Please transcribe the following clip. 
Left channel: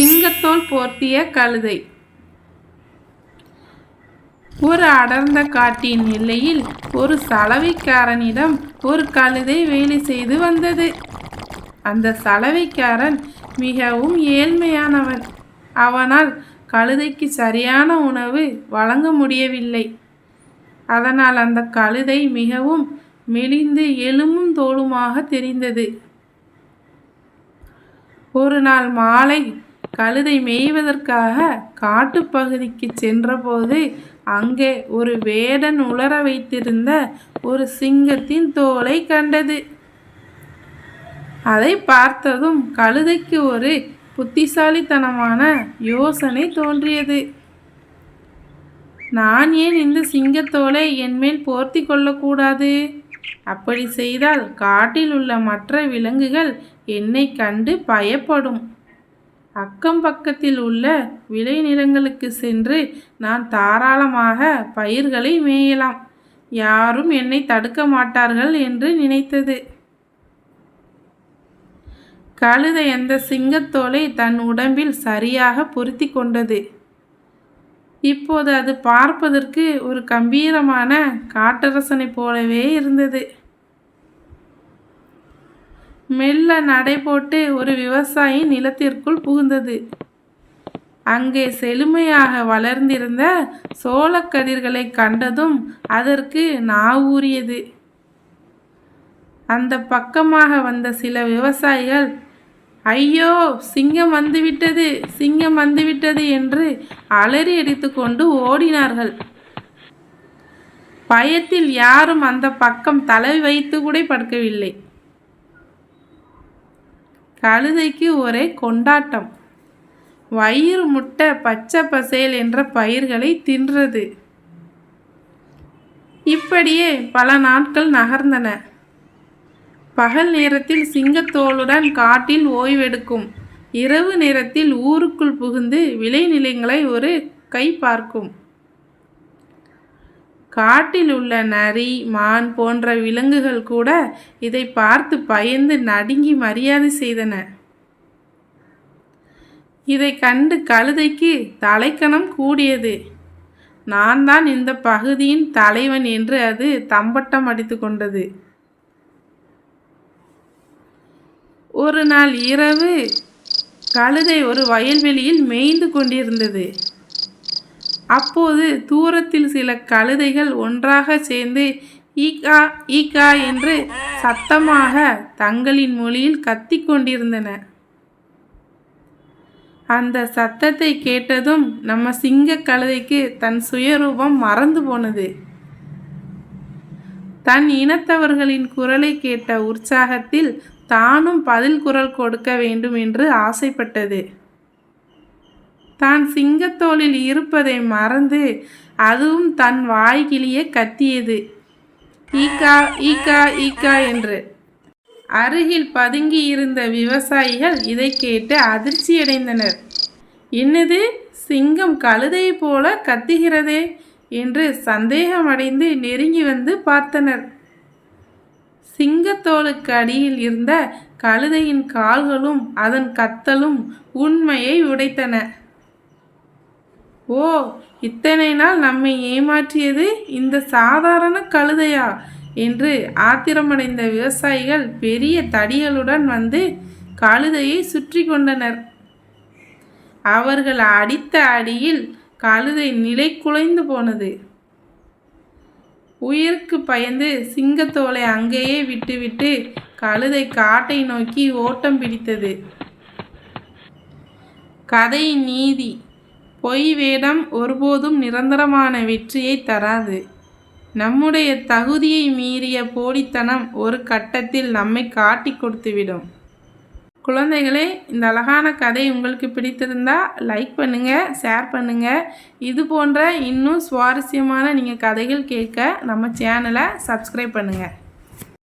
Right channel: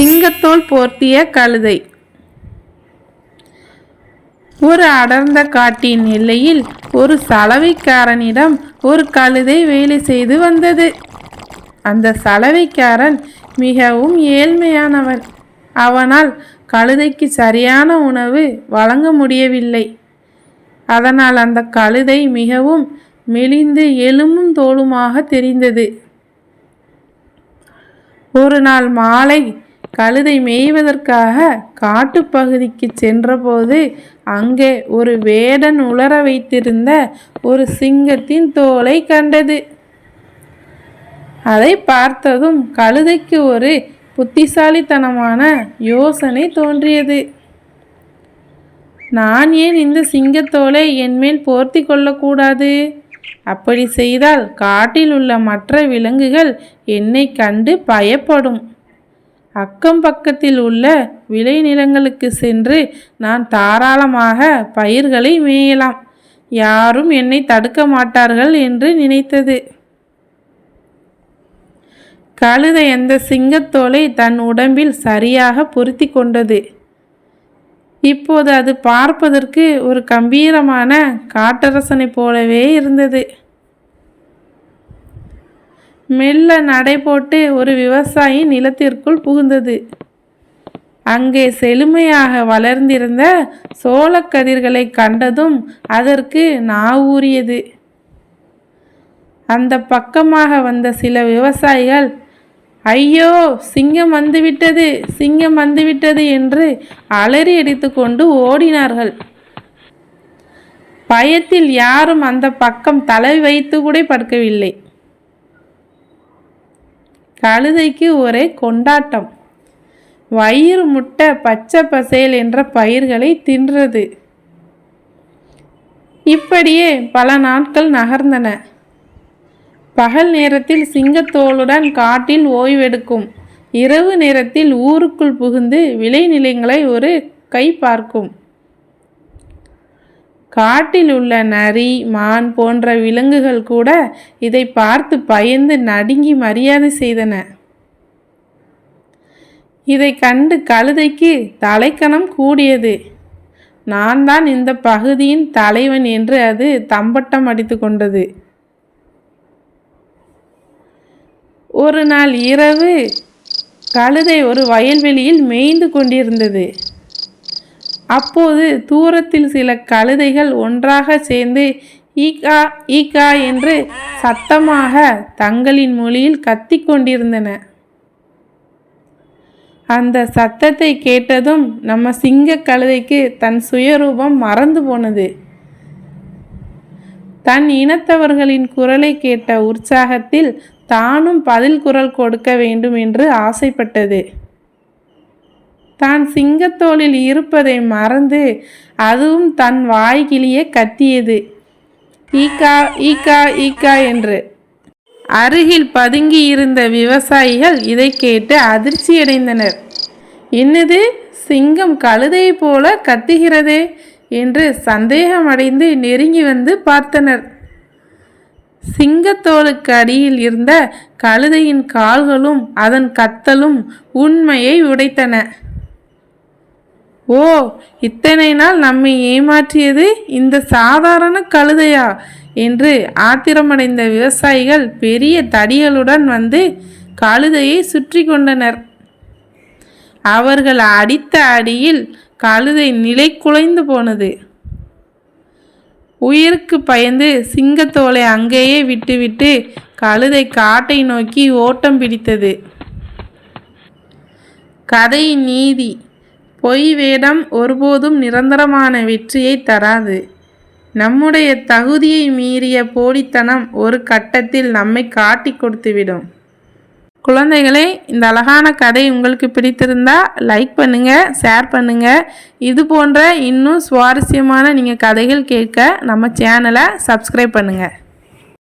சிங்கத்தோல் போர்த்திய கழுதை. ஒரு அடர்ந்த காட்டின் எல்லையில் ஒரு சலவைக்காரனிடம் ஒரு கழுதை வேலை செய்து வந்தது. அந்த சலவைக்காரன் மிகவும் ஏழ்மையானவன். அவனால் கழுதைக்கு சரியான உணவு வழங்க முடியவில்லை. அதனால் அந்த கழுதை மிகவும் மெலிந்து எலும்பும் தோலுமாக தெரிந்தது. ஒரு நாள் மாலை கழுதை மேய்வதற்காக காட்டுப்பகுதிக்கு சென்றபோது அங்கே ஒரு வேடன் உலர வைத்திருந்த ஒரு சிங்கத்தின் தோலை கண்டது. அதை பார்த்ததும் கழுதைக்கு ஒரு புத்திசாலித்தனமான யோசனை தோன்றியது. நான் ஏன் இந்த சிங்கத்தோலை என்மேல் போர்த்தி கொள்ளக்கூடாது? அப்படி செய்தால் காட்டில் உள்ள மற்ற விலங்குகள் என்னை கண்டு பயப்படும். அக்கம் பக்கத்தில் உள்ள விளைநிலங்களுக்கு சென்று நான் தாராளமாக பயிர்களை மேயலாம். யாரும் என்னை தடுக்க மாட்டார்கள் என்று நினைத்தது. கழுதை அந்த சிங்கத்தோலை தன் உடம்பில் சரியாக பொருத்தி கொண்டது. இப்போது அது பார்ப்பதற்கு ஒரு கம்பீரமான காட்டரசனை போலவே இருந்தது. மெல்ல நடை போட்டு ஒரு விவசாயி நிலத்திற்குள் புகுந்தது. அங்கே செழுமையாக வளர்ந்திருந்த சோளக்கதிர்களை கண்டதும் அதற்கு நாவூறியது. அந்த பக்கமாக வந்த சில விவசாயிகள், ஐயோ, சிங்கம் வந்துவிட்டது, சிங்கம் வந்துவிட்டது என்று அலறி அடித்துக்கொண்டு ஓடினார்கள். பயத்தில் யாரும் அந்த பக்கம் தலை வைத்து கூட படுக்கவில்லை. கழுதைக்கு ஒரே கொண்டாட்டம். வயிறு முட்டை பச்சை பசேல் என்ற பயிர்களை தின்றது. இப்படியே பல நாட்கள் நகர்ந்தன. பகல் நேரத்தில் சிங்கத்தோலுடன் காட்டில் ஓய்வெடுக்கும். இரவு நேரத்தில் ஊருக்குள் புகுந்து விளைநிலங்களை ஒரு கை பார்க்கும். காட்டில் உள்ள நரி, மான் போன்ற விலங்குகள் கூட இதை பார்த்து பயந்து நடுங்கி மரியாதை செய்தன. இதை கண்டு கழுதைக்கு தலைக்கணம் கூடியது. நான் தான் இந்த பகுதியின் தலைவன் என்று அது தம்பட்டம் அடித்து கொண்டது. ஒரு நாள் இரவு கழுதை ஒரு வயல்வெளியில் மேய்ந்து கொண்டிருந்தது. அப்போது தூரத்தில் சில கழுதைகள் ஒன்றாக சேர்ந்து ஈகா ஈகா என்று சத்தமாக தங்களின் மொழியில் கத்திக் கொண்டிருந்தன. அந்த சத்தத்தை கேட்டதும் நம்ம சிங்க கழுதைக்கு தன் சுயரூபம் மறந்து போனது. தன் இனத்தவர்களின் குரலை கேட்ட உற்சாகத்தில் தானும் பதில் குரல் கொடுக்க வேண்டும் என்று ஆசைப்பட்டது. தான் சிங்கத்தோலில் இருப்பதை மறந்து அதுவும் தன் வாய்கிளியே கத்தியது, ஈகா ஈகா ஈகா என்று. அருகில் பதுங்கி இருந்த விவசாயிகள் இதை கேட்டு அதிர்ச்சியடைந்தனர். என்னது, சிங்கம் கழுதையை போல கத்துகிறதே என்று சந்தேகமடைந்து நெருங்கி வந்து பார்த்தனர். சிங்கத்தோலுக்கு அடியில் இருந்த கழுதையின் கால்களும் அதன் கத்தலும் உண்மையை உடைத்தன. ஓ, இத்தனை நாள் நம்மை ஏமாற்றியது இந்த சாதாரண கழுதையா என்று ஆத்திரமடைந்த விவசாயிகள் பெரிய தடிகளுடன் வந்து கழுதையை சுற்றி கொண்டனர். அவர்கள் அடித்த அடியில் கழுதை நிலை குலைந்து போனது. உயிருக்கு பயந்து சிங்கத்தோலை அங்கேயே விட்டுவிட்டு கழுதை காட்டை நோக்கி ஓட்டம் பிடித்தது. கதையின் நீதி: பொய் வேடம் ஒருபோதும் நிரந்தரமான வெற்றியை தராது. நம்முடைய தகுதியை மீறிய போலித்தனம் ஒரு கட்டத்தில் நம்மை காட்டி கொடுத்துவிடும். குழந்தைகளே, இந்த அழகான கதை உங்களுக்கு பிடித்திருந்தா லைக் பண்ணுங்கள், ஷேர் பண்ணுங்கள். இது போன்ற இன்னும் சுவாரஸ்யமான நீங்கள் கதைகள் கேட்க நம்ம சேனலை சப்ஸ்கிரைப் பண்ணுங்கள்.